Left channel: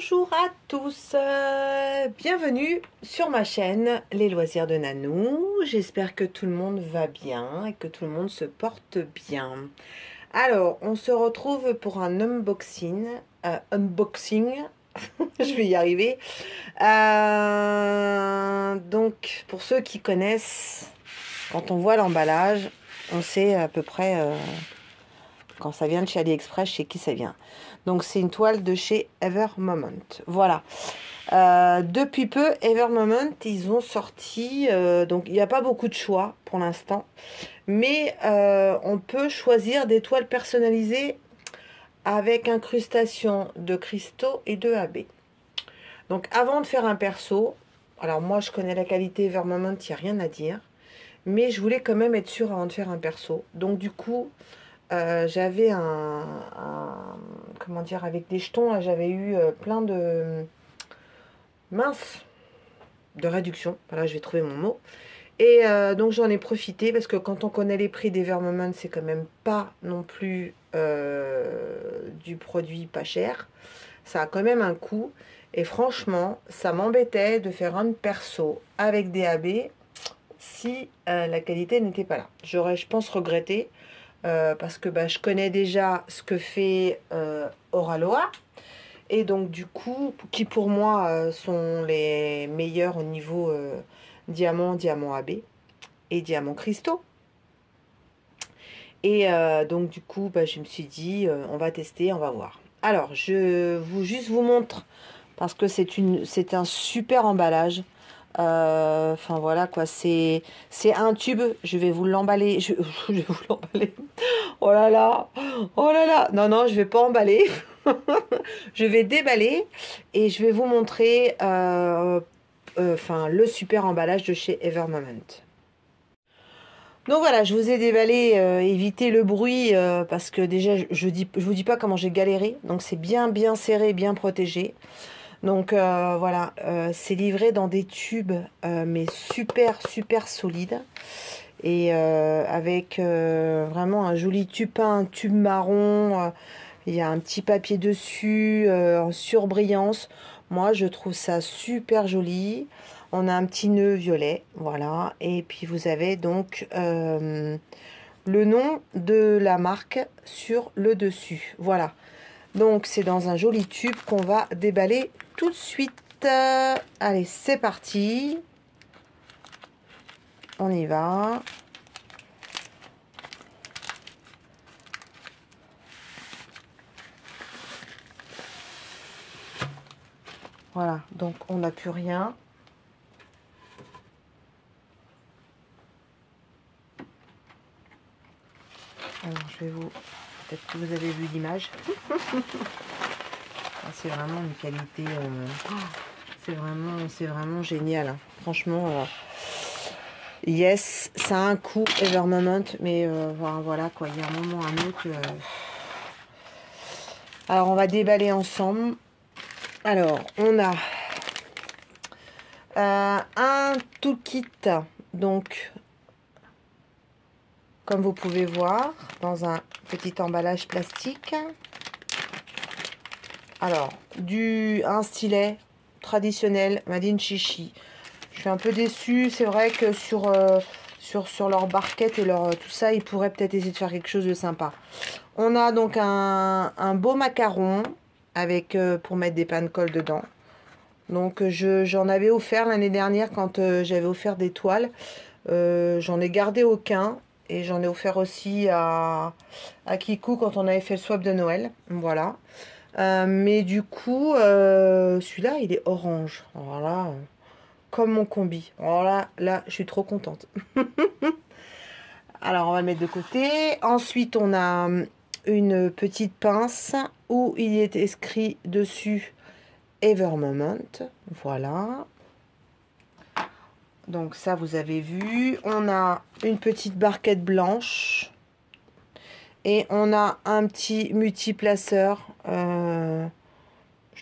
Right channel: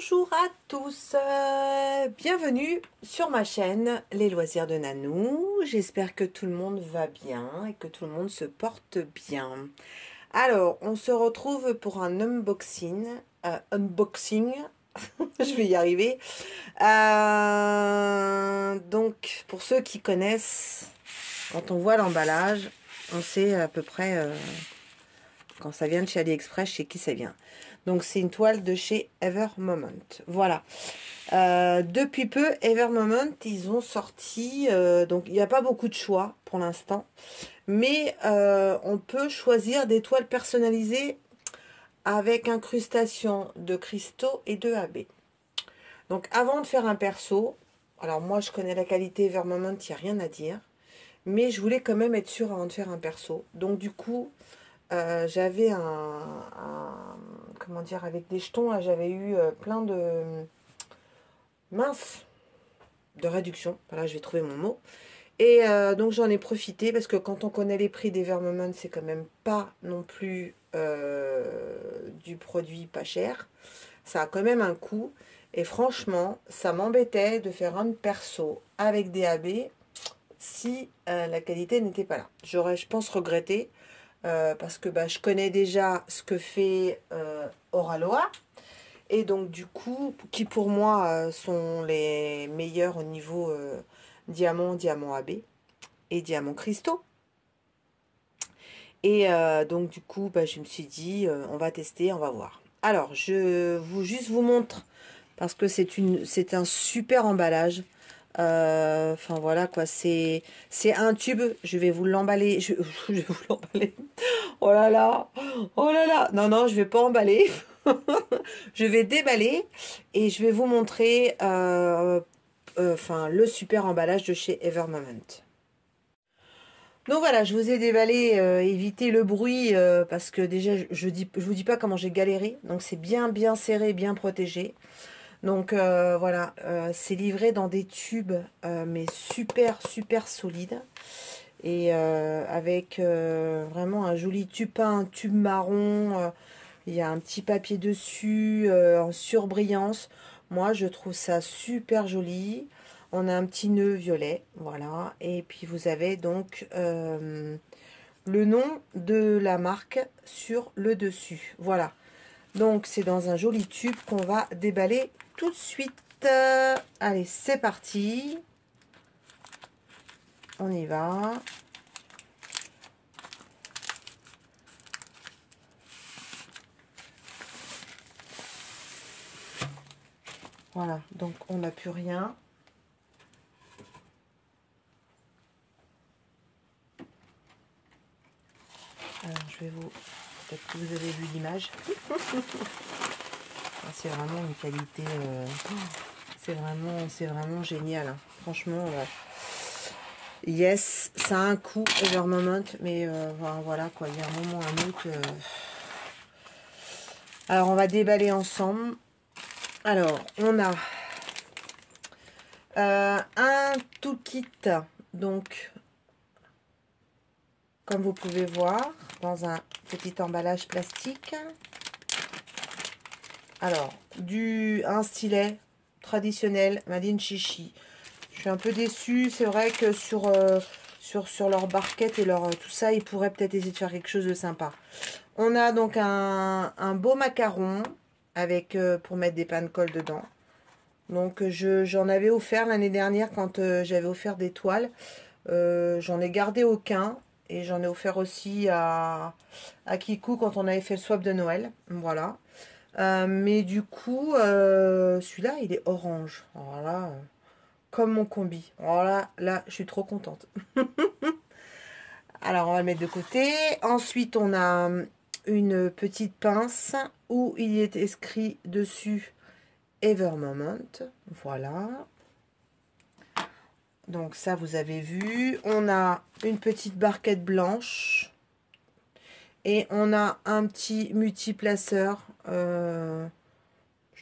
Bonjour à tous, bienvenue sur ma chaîne Les Loisirs de Nanou. J'espère que tout le monde va bien et que tout le monde se porte bien. Alors, on se retrouve pour un unboxing, je vais y arriver. Donc, pour ceux qui connaissent, quand on voit l'emballage, on sait à peu près, quand ça vient de chez AliExpress, chez qui ça vient. Donc, c'est une toile de chez Evermoment. Voilà. Depuis peu, Evermoment, ils ont sorti... donc, il n'y a pas beaucoup de choix pour l'instant. Mais on peut choisir des toiles personnalisées avec incrustation de cristaux et de AB. Donc, avant de faire un perso... Alors, moi, je connais la qualité Evermoment, il n'y a rien à dire. Mais je voulais quand même être sûre avant de faire un perso. Donc, du coup... j'avais comment dire, avec des jetons, j'avais eu plein de de réduction. Voilà, je vais trouver mon mot. Et donc j'en ai profité parce que quand on connaît les prix des Evermoment, c'est quand même pas non plus du produit pas cher. Ça a quand même un coût. Et franchement, ça m'embêtait de faire un perso avec des AB si la qualité n'était pas là. J'aurais, je pense, regretté. Parce que je connais déjà ce que fait Oraloa. Et donc du coup, qui pour moi sont les meilleurs au niveau diamant AB et diamant cristaux. Et donc du coup, je me suis dit, on va tester, on va voir. Alors, je vous montre, parce que c'est un super emballage. Enfin voilà quoi, c'est un tube. Je vais vous l'emballer. Je vais vous l'emballer. Oh là là, oh là là. Non, je vais pas emballer. Je vais déballer et je vais vous montrer le super emballage de chez Evermoment. Donc voilà, je vous ai déballé, évitez le bruit parce que déjà je vous dis pas comment j'ai galéré. Donc c'est bien serré, bien protégé. Donc voilà, c'est livré dans des tubes mais super solides. Et avec vraiment un joli tube peint, un tube marron. Il y a un petit papier dessus en surbrillance. Moi, je trouve ça super joli. On a un petit nœud violet, voilà. Et puis, vous avez donc le nom de la marque sur le dessus. Voilà. Donc, c'est dans un joli tube qu'on va déballer tout de suite. Allez, c'est parti. On y va. Voilà, donc on n'a plus rien. Alors je vais vous... Peut-être que vous avez vu l'image. C'est vraiment une qualité... c'est vraiment génial. Hein. Franchement, yes, ça a un coût Evermoment, mais voilà quoi, il y a un moment, un autre. Alors on va déballer ensemble. Alors, on a un tout kit, donc, comme vous pouvez voir, dans un petit emballage plastique. Alors, un stylet traditionnel, Made in Chichi. Je suis un peu déçue, c'est vrai que sur leur barquette et tout ça, ils pourraient peut-être essayer de faire quelque chose de sympa. On a donc un beau macaron, avec pour mettre des pain de colle dedans. Donc j'en avais offert l'année dernière quand j'avais offert des toiles. J'en ai gardé aucun et j'en ai offert aussi à Kikou quand on avait fait le swap de Noël. Voilà. Mais du coup, celui-là, il est orange. Voilà, comme mon combi. Voilà, là, je suis trop contente. Alors, on va le mettre de côté. Ensuite, on a une petite pince où il est écrit dessus Evermoment. Voilà. Donc ça, vous avez vu. On a une petite barquette blanche. Et on a un petit multiplaceur. Je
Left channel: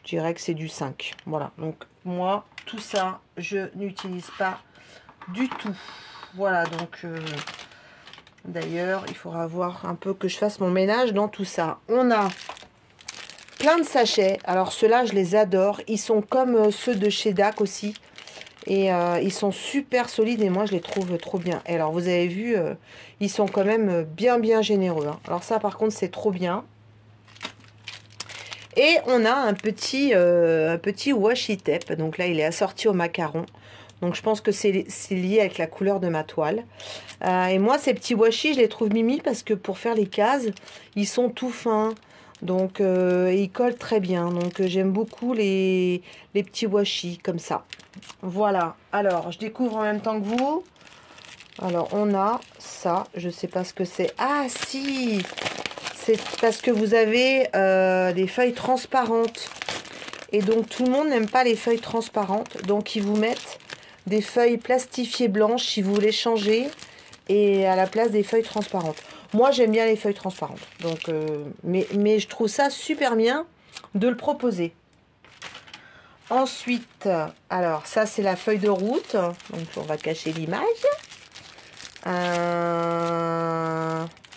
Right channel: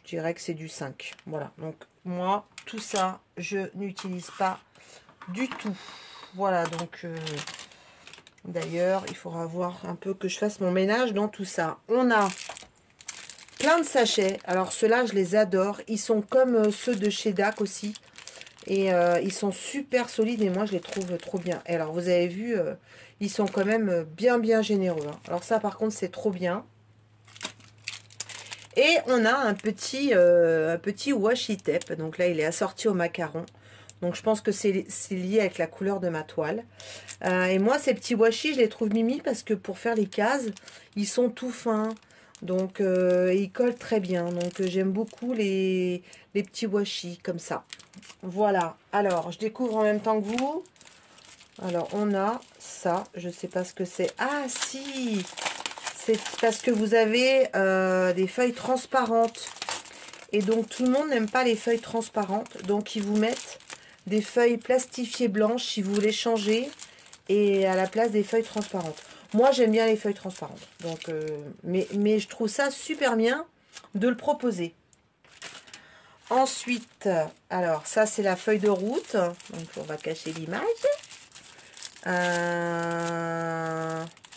dirais que c'est du 5. Voilà. Donc moi, tout ça, je n'utilise pas du tout. Voilà. Donc... d'ailleurs, il faudra voir un peu que je fasse mon ménage dans tout ça. On a plein de sachets. Alors ceux-là, je les adore. Ils sont comme ceux de chez DAC aussi. Et ils sont super solides et moi, je les trouve trop bien. Et alors, vous avez vu, ils sont quand même bien généreux. Hein. Alors ça, par contre, c'est trop bien. Et on a un petit washi tape. Donc là, il est assorti au macaron. Donc je pense que c'est lié avec la couleur de ma toile. Et moi, ces petits washi, je les trouve mimi parce que pour faire les cases, ils sont tout fins. Donc ils collent très bien. Donc j'aime beaucoup les petits washi comme ça. Voilà. Alors, je découvre en même temps que vous. Alors, on a ça. Je sais pas ce que c'est. Ah, si! C'est parce que vous avez des feuilles transparentes. Et donc, tout le monde n'aime pas les feuilles transparentes. Donc, ils vous mettent des feuilles plastifiées blanches si vous voulez changer. Et à la place des feuilles transparentes. Moi, j'aime bien les feuilles transparentes. Donc, mais je trouve ça super bien de le proposer. Ensuite, alors, ça, c'est la feuille de route. Donc, on va cacher l'image.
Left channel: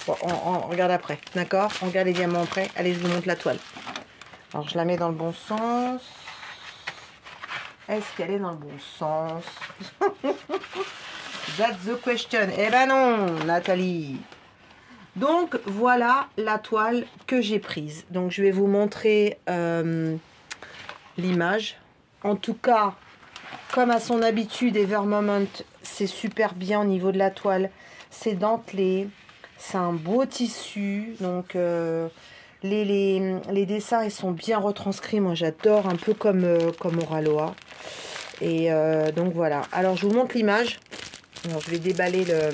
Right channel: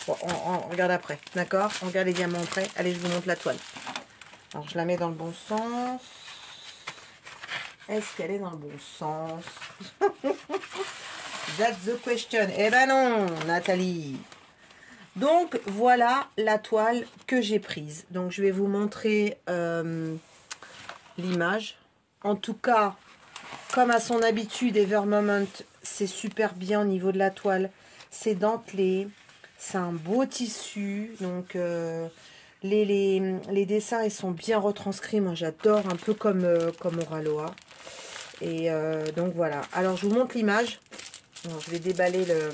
Bon, on regarde après, d'accord? On regarde les diamants après. Allez, je vous montre la toile. Alors, je la mets dans le bon sens. Est-ce qu'elle est dans le bon sens? That's the question. Eh ben non, Nathalie. Donc, voilà la toile que j'ai prise. Donc, je vais vous montrer l'image. En tout cas, comme à son habitude, Evermoment, c'est super bien au niveau de la toile. C'est dentelé. C'est un beau tissu. Donc, les dessins, ils sont bien retranscrits. Moi, j'adore, un peu comme Oraloa. Et donc, voilà. Alors, je vous montre l'image. Alors, je vais déballer le...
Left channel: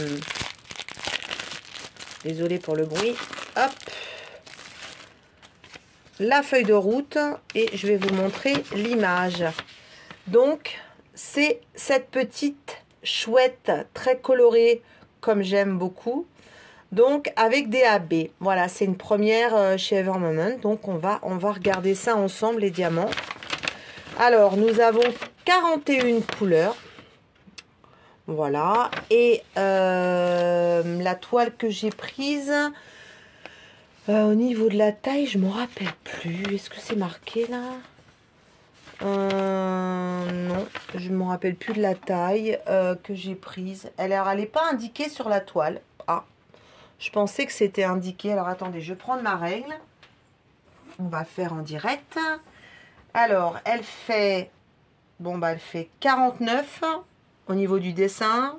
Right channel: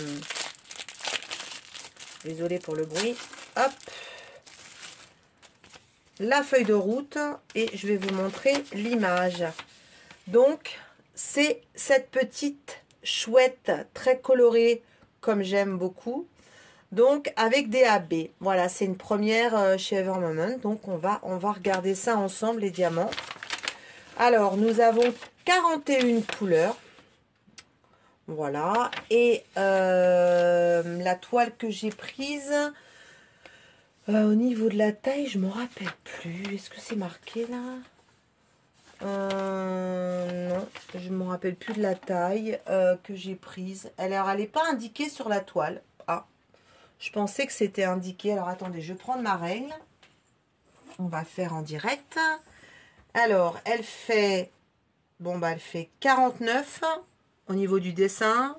Désolée pour le bruit. Hop. La feuille de route. Et je vais vous montrer l'image. Donc, c'est cette petite chouette très colorée, comme j'aime beaucoup. Donc, avec des AB. Voilà, c'est une première chez Evermoment. Donc, on va regarder ça ensemble, les diamants. Alors, nous avons 41 couleurs. Voilà. Et la toile que j'ai prise, au niveau de la taille, je ne me rappelle plus. Est-ce que c'est marqué là? Non, je ne me rappelle plus de la taille que j'ai prise. Elle n'est pas indiquée sur la toile. Ah, je pensais que c'était indiqué. Alors, attendez, je vais prendre ma règle. On va faire en direct. Alors, elle fait... Bon, bah, elle fait 49 au niveau du dessin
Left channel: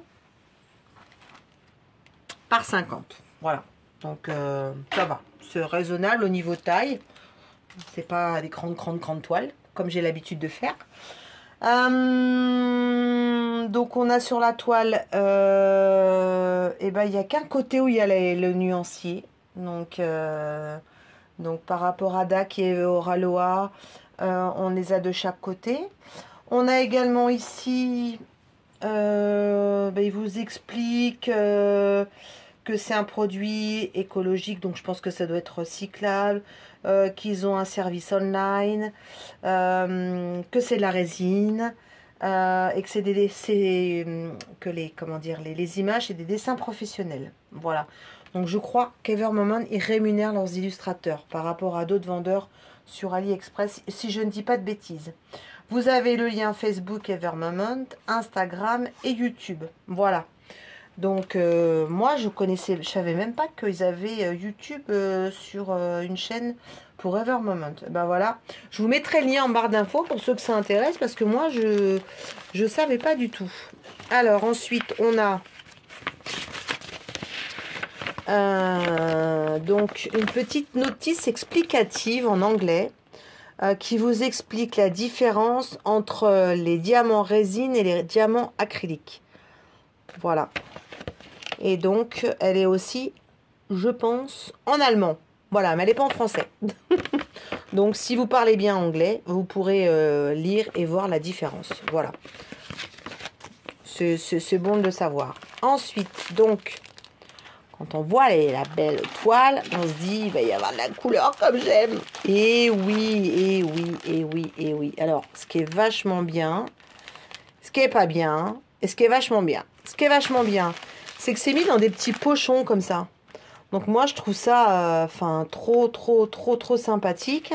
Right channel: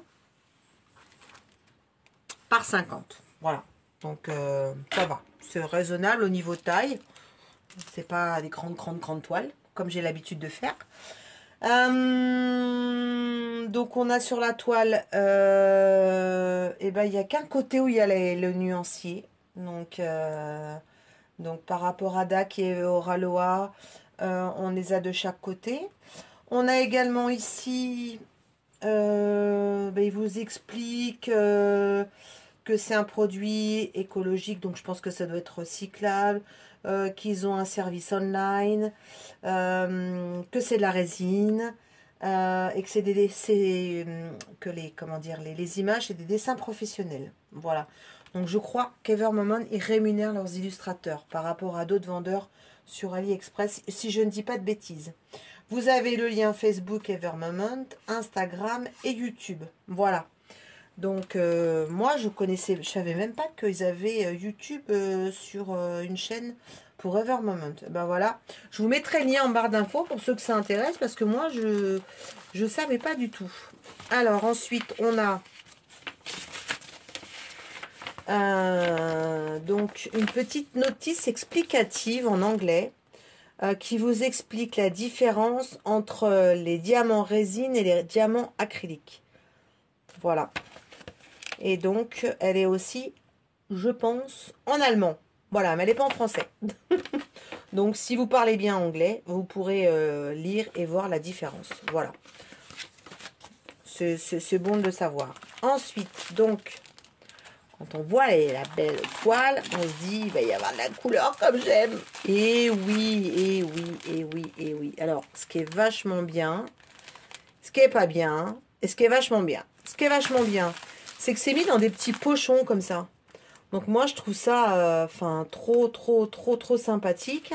par 50. Voilà. Donc, ça va. C'est raisonnable au niveau taille. C'est pas des grandes toiles, comme j'ai l'habitude de faire. Donc, on a sur la toile, et ben, il n'y a qu'un côté où il y a le nuancier. Donc, par rapport à DAC et Oraloa, on les a de chaque côté. On a également ici, il vous explique que c'est un produit écologique, donc je pense que ça doit être recyclable, qu'ils ont un service online, que c'est de la résine, et que c'est les images, c'est des dessins professionnels. Voilà. Donc je crois qu'Evermoment, ils rémunèrent leurs illustrateurs par rapport à d'autres vendeurs sur AliExpress, si je ne dis pas de bêtises. Vous avez le lien Facebook Evermoment, Instagram et YouTube. Voilà. Donc, moi, je savais même pas qu'ils avaient YouTube sur une chaîne pour Evermoment. Ben voilà. Je vous mettrai le lien en barre d'infos pour ceux que ça intéresse, parce que moi, je savais pas du tout. Alors, ensuite, on a donc une petite notice explicative en anglais. Qui vous explique la différence entre les diamants résine et les diamants acryliques. Voilà. Et donc, elle est aussi, je pense, en allemand. Voilà, mais elle n'est pas en français. Donc, si vous parlez bien anglais, vous pourrez lire et voir la différence. Voilà. C'est bon de le savoir. Ensuite, donc... Quand on voit la belle toile, on se dit, il va y avoir de la couleur comme j'aime. Et oui, et oui, et oui, et oui. Alors, ce qui est vachement bien, ce qui est pas bien, et ce qui est vachement bien. Ce qui est vachement bien, c'est que c'est mis dans des petits pochons comme ça. Donc moi, je trouve ça, enfin, trop sympathique.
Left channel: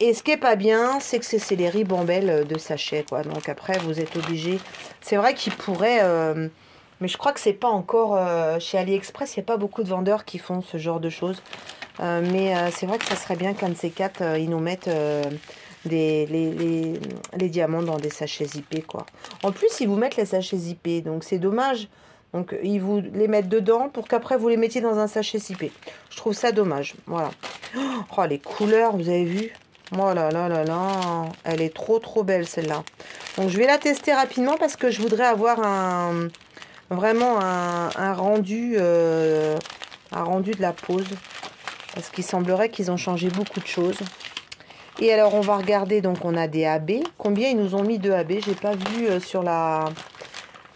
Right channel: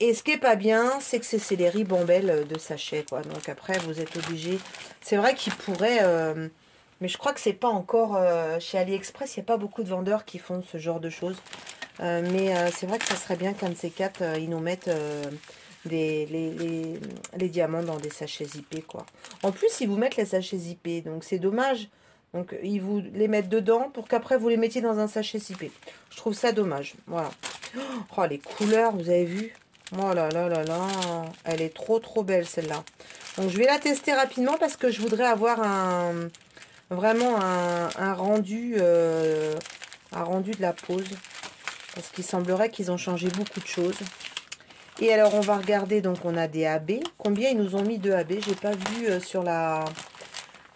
Et ce qui est pas bien, c'est que c'est les ribambelles de sachet, quoi. Donc après, vous êtes obligé. C'est vrai qu'ils pourraient... mais je crois que c'est pas encore... chez AliExpress, il n'y a pas beaucoup de vendeurs qui font ce genre de choses. Mais c'est vrai que ça serait bien qu'un de ces quatre, ils nous mettent les diamants dans des sachets zippés, quoi. En plus, ils vous mettent les sachets zippés. Donc c'est dommage. Donc ils vous les mettent dedans pour qu'après vous les mettiez dans un sachet zippé. Je trouve ça dommage. Voilà. Oh, les couleurs, vous avez vu? Oh là là là là, elle est trop belle celle-là. Donc je vais la tester rapidement parce que je voudrais avoir vraiment un rendu de la pose. Parce qu'il semblerait qu'ils ont changé beaucoup de choses. Et alors on va regarder, donc on a des AB. Combien ils nous ont mis de AB? J'ai pas vu sur la...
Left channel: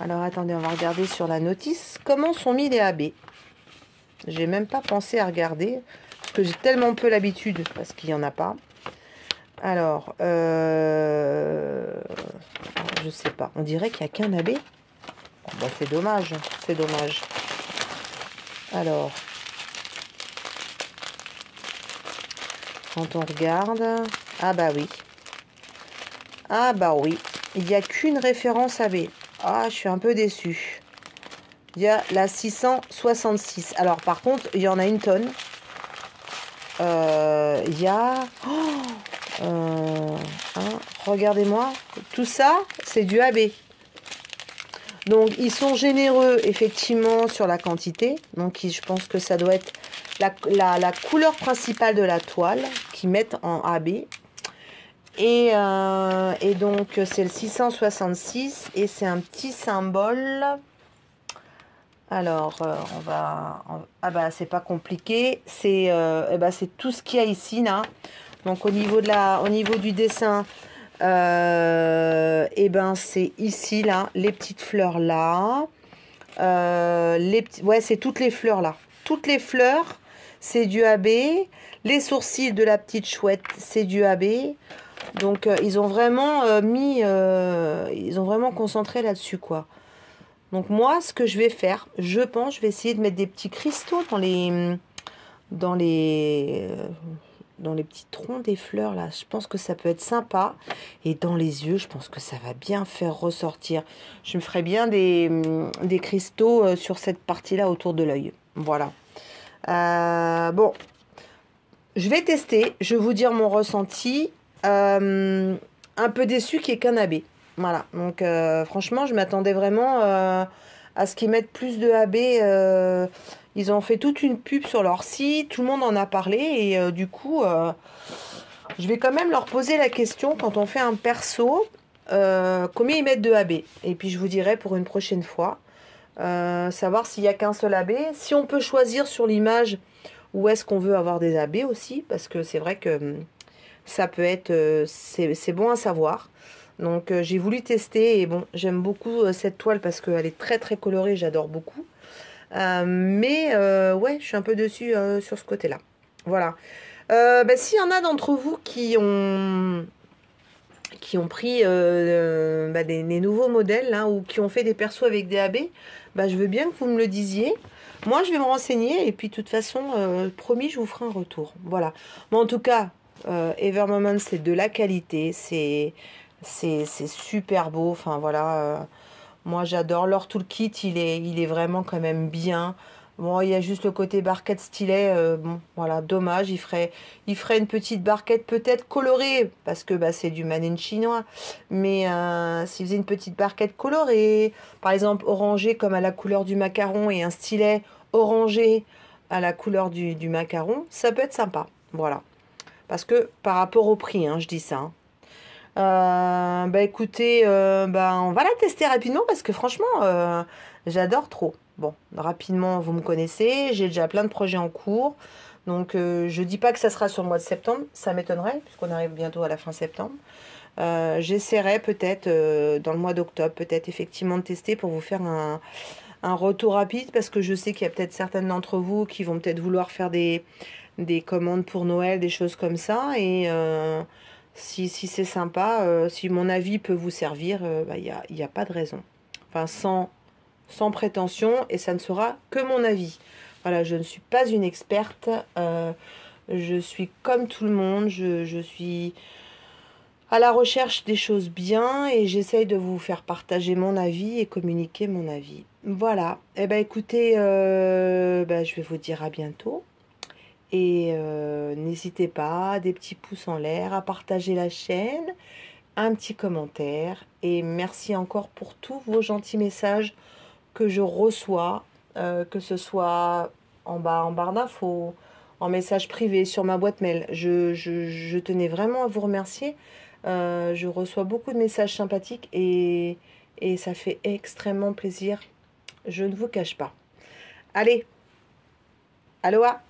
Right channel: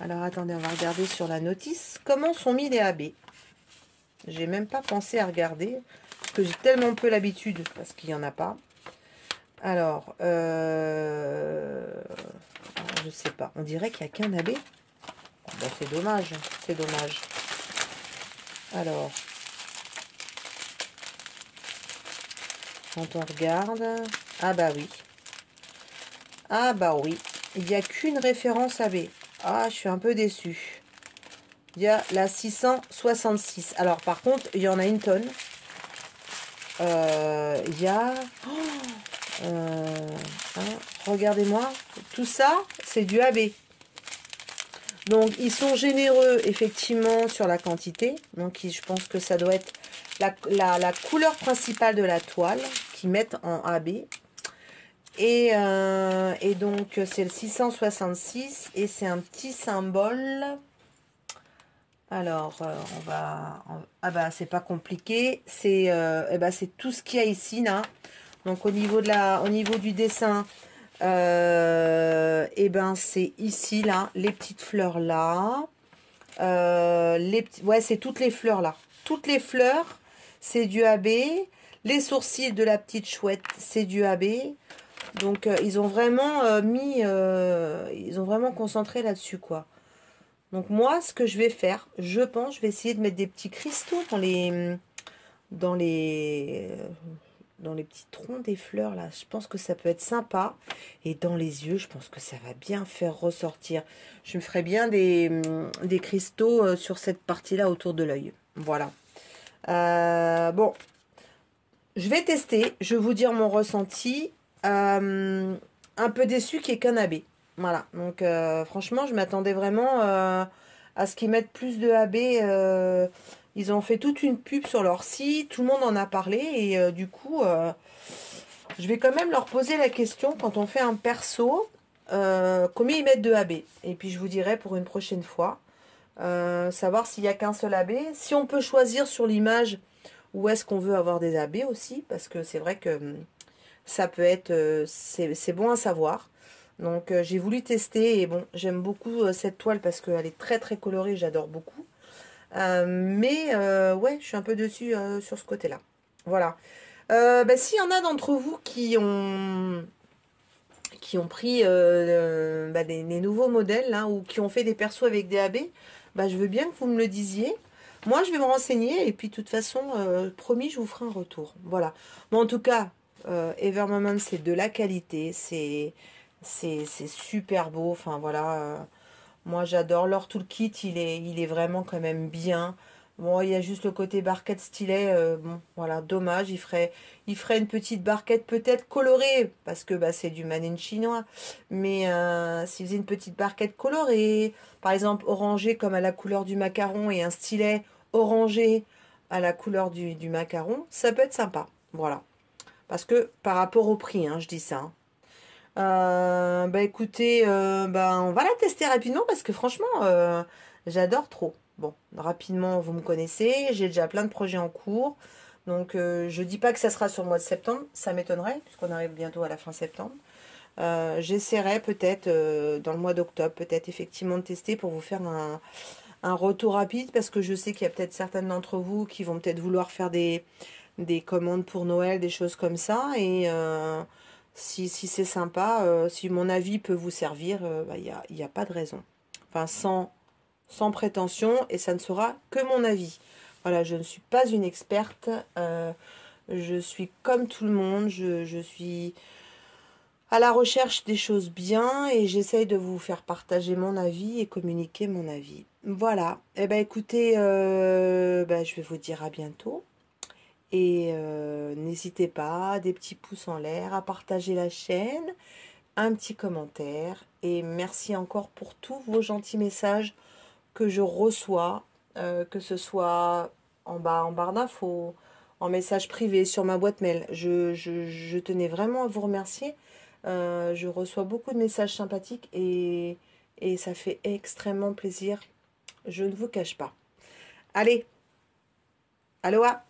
Alors attendez, on va regarder sur la notice. Comment sont mis les AB? J'ai même pas pensé à regarder. Parce que j'ai tellement peu l'habitude, parce qu'il n'y en a pas. Alors, je sais pas. On dirait qu'il n'y a qu'un AB. Bon, c'est dommage. C'est dommage. Alors, quand on regarde... Ah bah oui. Ah bah oui. Il n'y a qu'une référence AB. Ah, je suis un peu déçue. Il y a la 666. Alors, par contre, il y en a une tonne. Il y a... regardez-moi, tout ça, c'est du AB. Donc, ils sont généreux, effectivement, sur la quantité. Donc, je pense que ça doit être la couleur principale de la toile qu'ils mettent en AB. Et donc, c'est le 666 et c'est un petit symbole. Alors, on va... Ah bah, c'est pas compliqué. C'est c'est tout ce qu'il y a ici, là. Donc, au niveau du dessin, c'est ici, là, les petites fleurs, là. Ouais, c'est toutes les fleurs, là. Toutes les fleurs, c'est du AB. Les sourcils de la petite chouette, c'est du AB. Donc, ils ont vraiment ils ont vraiment concentré là-dessus, quoi. Donc moi, ce que je vais faire, je pense, je vais essayer de mettre des petits cristaux dans les petits troncs des fleurs là. Je pense que ça peut être sympa. Et dans les yeux, je pense que ça va bien faire ressortir. Je me ferai bien des cristaux sur cette partie-là autour de l'œil. Voilà. Bon, je vais tester. Je vais vous dire mon ressenti. Un peu déçu qu'il n'y ait qu'un AB. Voilà, donc franchement, je m'attendais vraiment à ce qu'ils mettent plus de AB. Ils ont fait toute une pub sur leur site, tout le monde en a parlé. Et du coup, je vais quand même leur poser la question quand on fait un perso, combien ils mettent de AB. Et puis je vous dirai pour une prochaine fois, savoir s'il n'y a qu'un seul AB. Si on peut choisir sur l'image où est-ce qu'on veut avoir des AB aussi, parce que c'est vrai que ça peut être... c'est bon à savoir. Donc j'ai voulu tester et bon, j'aime beaucoup cette toile parce qu'elle est très colorée, j'adore beaucoup. Mais ouais, je suis un peu dessus sur ce côté-là. Voilà. S'il y en a d'entre vous qui ont pris des nouveaux modèles là, ou qui ont fait des persos avec des AB, je veux bien que vous me le disiez. Moi, je vais me renseigner et puis de toute façon, promis, je vous ferai un retour. Voilà. Bon, en tout cas, Evermoment, c'est de la qualité, c'est super beau. Enfin voilà, moi j'adore leur toolkit, il est vraiment quand même bien. Bon, il y a juste le côté barquette stylet, bon voilà, dommage. Il ferait une petite barquette peut-être colorée parce que c'est du manine chinois, mais s'il faisait une petite barquette colorée, par exemple orangée comme à la couleur du macaron et un stylet orangé à la couleur du macaron, ça peut être sympa. Voilà, parce que par rapport au prix, hein, je dis ça, hein. Écoutez, on va la tester rapidement parce que franchement, j'adore trop. Bon, rapidement, vous me connaissez, j'ai déjà plein de projets en cours. Donc, je dis pas que ça sera sur le mois de septembre, ça m'étonnerait, puisqu'on arrive bientôt à la fin septembre. J'essaierai peut-être dans le mois d'octobre, peut-être effectivement de tester pour vous faire un retour rapide, parce que je sais qu'il y a peut-être certaines d'entre vous qui vont peut-être vouloir faire des commandes pour Noël, des choses comme ça, et... si c'est sympa, si mon avis peut vous servir, il n'y a pas de raison. Enfin, sans prétention, et ça ne sera que mon avis. Voilà, je ne suis pas une experte. Je suis comme tout le monde. Je suis à la recherche des choses bien et j'essaye de vous faire partager mon avis et communiquer mon avis. Voilà. Eh ben écoutez, je vais vous dire à bientôt. Et n'hésitez pas, des petits pouces en l'air, à partager la chaîne, un petit commentaire. Et merci encore pour tous vos gentils messages que je reçois, que ce soit en barre d'infos, en message privé, sur ma boîte mail. Je tenais vraiment à vous remercier. Je reçois beaucoup de messages sympathiques et ça fait extrêmement plaisir. Je ne vous cache pas. Allez, aloha!